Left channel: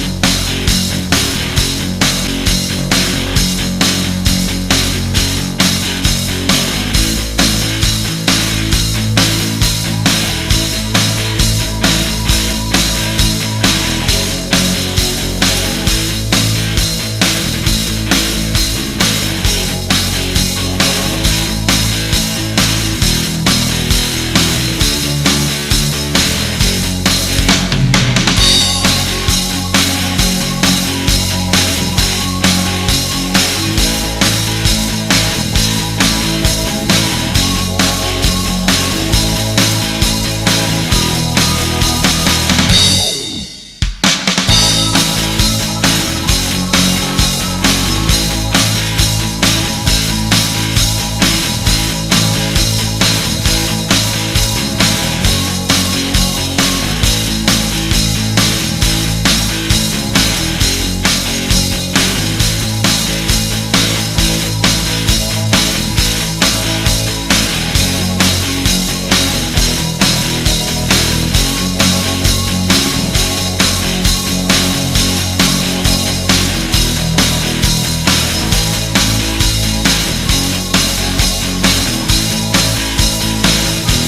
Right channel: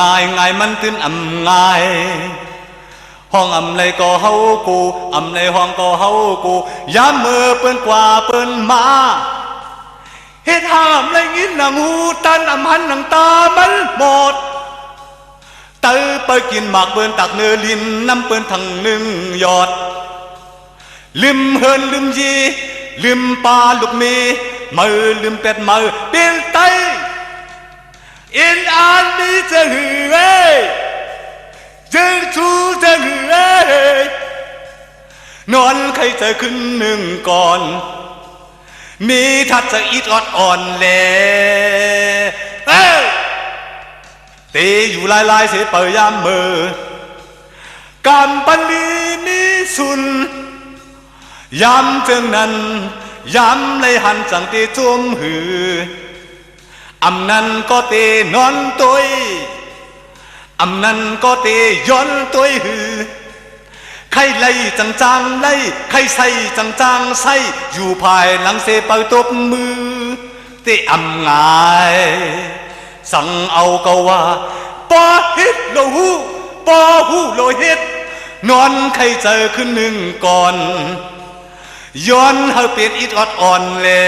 ง่ายมันขึ้นง่ายห้องในก็เฮาปูในห้องก็เฮาปูย้ำมือเปิ้นกว่าเปิ้นมาเห็นห้ามในกินน้ำหูตันหันน้ำตามันหมดเติไปกินหมากเปิ้นตักเนื้อดินน้ำเปิ้นทั้งลืมยอดลืมเฮินลืมยีลืมปลาลูกมีมือลืมเป็ดมือเบี้ยไตอินอันนี้จะหือเอ้ถึงทูจะหือเอ้นอนใครเธอขึ้นหนึ่งก่อนมีทักษะอีกอ่อนเน่ตีอยู่ลายเสียเปิดยามเบิดการปฏินิสุนย้ำเติมนั้นย้ำเลยหันจังที่จวงหือนั้นก็ตีนอนตุยนั้นก็ตีย้อนตุยหือใครไล่จางไล่ใครใส่จางใส่อยู่ภายหลังเตะเปิดดมมือเตะง่ายสั่งเอาก็ว่าบ่ฮิตก็หูบ่หูโดยเด็ดนอนใครเจอขึ้นหนึ่งก่อนย้อนเฮาเปลี่ยนอีกอ่อนเลย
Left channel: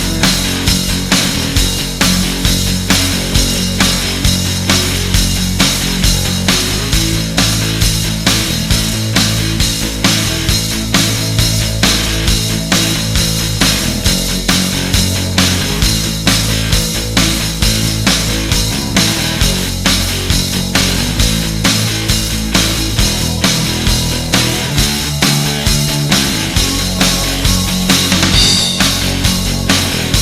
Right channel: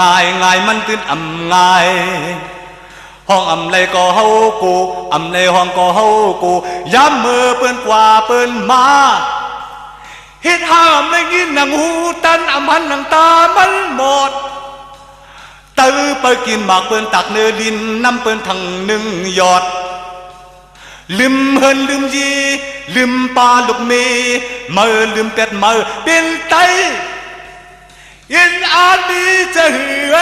ง่ายมันขึ้นง่ายห้องในก็เฮาปูในห้องก็เฮาปูย้ำมือเปิ้นกว่าเปิ้นมาคิดห้ามไม่กินน้ำหูตันหันน้ำตามันหมดตื้อไปกินหมากเปิ้นตักเนื้อดินน้ำเปิ้นทั้งหนึ่งยอดลืมเฮินลืมยีลืมปลาลูกมีมือลืมเส้นมือเป็นไตอินอาดีจะหือ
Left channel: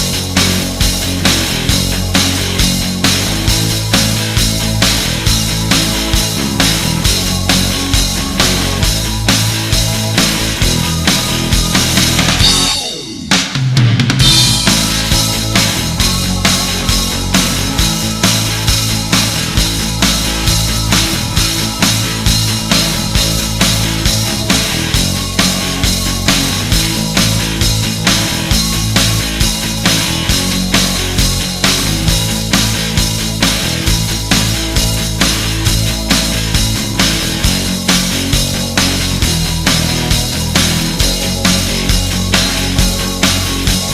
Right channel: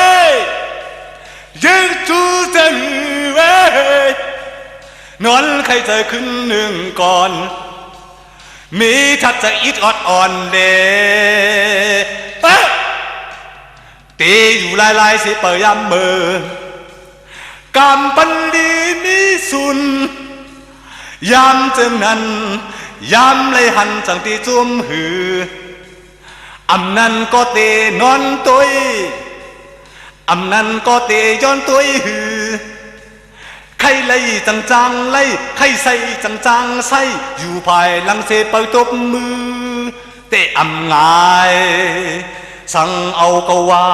ถึงทูจะหือนอนใครเธอขึ้นหนึ่งก่อนมีทักษะอีกอ่อนเด่ปีอยู่ลายที่เปิดยามเบิดการปันดีนี้สุนยามเจอนั้นยามเลยหันตั้งที่จวงหือนั้นก็ตีนอนตุยนั้นก็ตีย้อนตุยหือใครไล่จางไล่ใครใส่จางใส่อยู่ภายหลังเทเปิดตมมือเตะง่ายสั่งเอาก็ว่า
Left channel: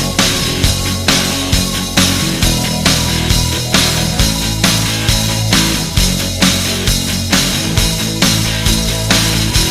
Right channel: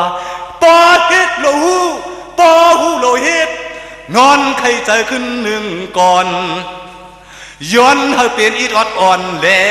บ่เฮ็ดก็หูบ่หูโดยเฮ็ดนอนใครเจอขึ้นหนึ่งก่อนย้อนเฮาเปลี่ยนอีกอ่อนเด้